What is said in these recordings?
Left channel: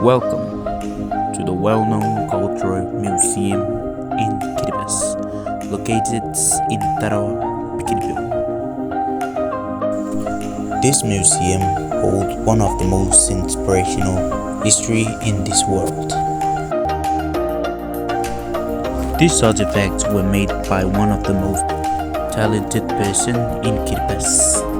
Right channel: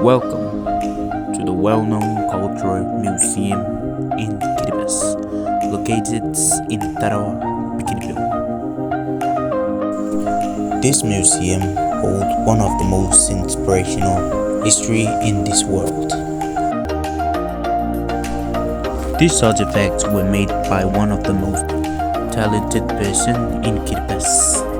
Welcome to the well-known cultural museum in Kiribati, located in Tarawa, Bikini. This museum holds one of the most inspirational history in this world. These artifacts were made by one of the most talented person in Kiribati.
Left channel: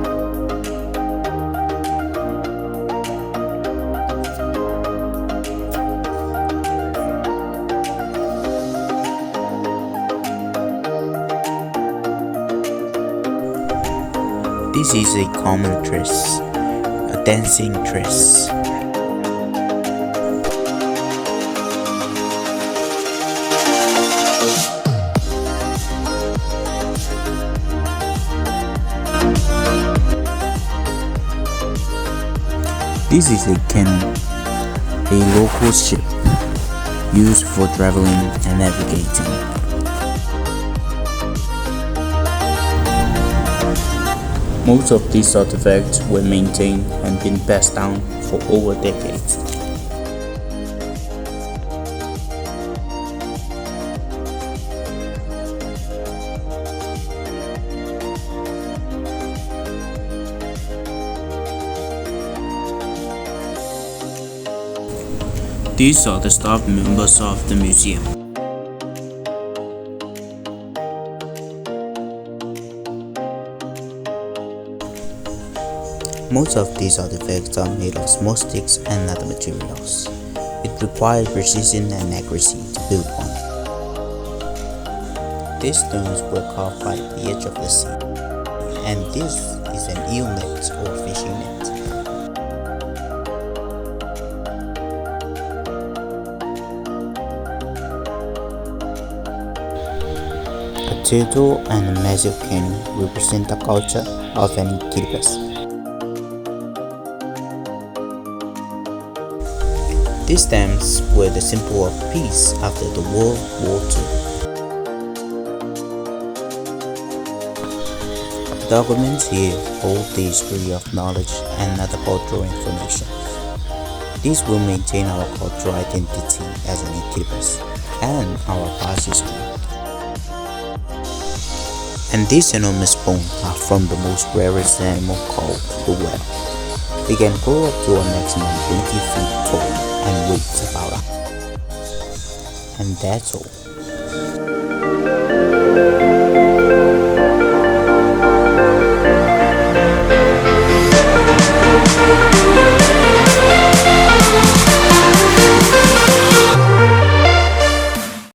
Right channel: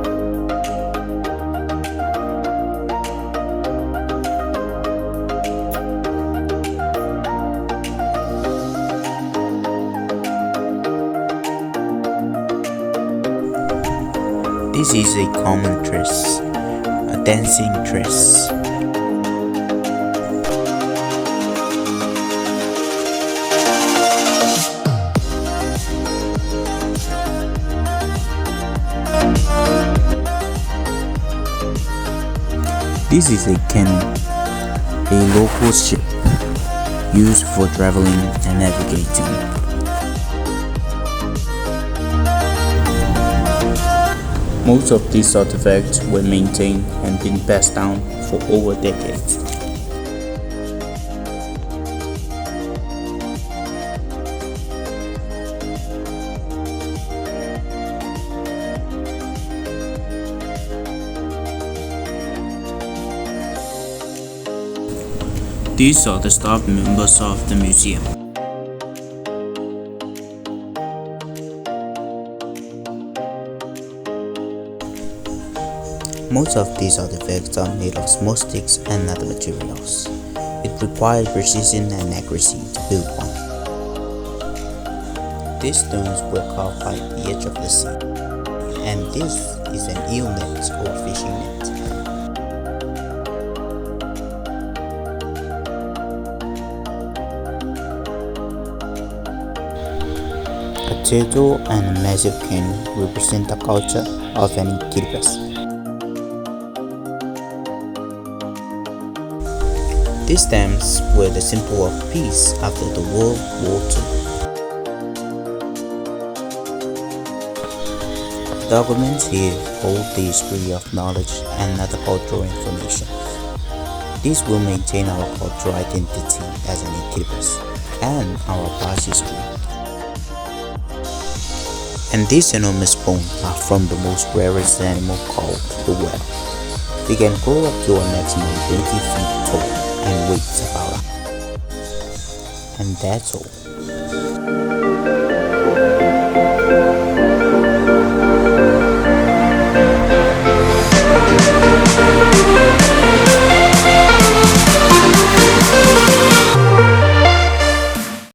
This is a common dress, a dancing dress. This is a canoe, a local ship used for traveling and navigating. Most of these artifacts were maintained and been passed down for over decades. These are the staff members of the museum. Most of these artifacts are made of small sticks and other materials. It required precision and accuracy to build one. These stones were carved by the edge of the sea, and this is an eel net or fishing net. A turtle and a massive canoe represent the culture of any Kiribati. These stamps were the symbol of peace after the World War II. The documents here hold the history of knowledge and other cultural information. These will maintain our cultural identity as an Kiribati and our past history. And these enormous bones are from the most rarest animal called the whale. They can grow up to a maximum 20 feet tall and weighs about. And that's all.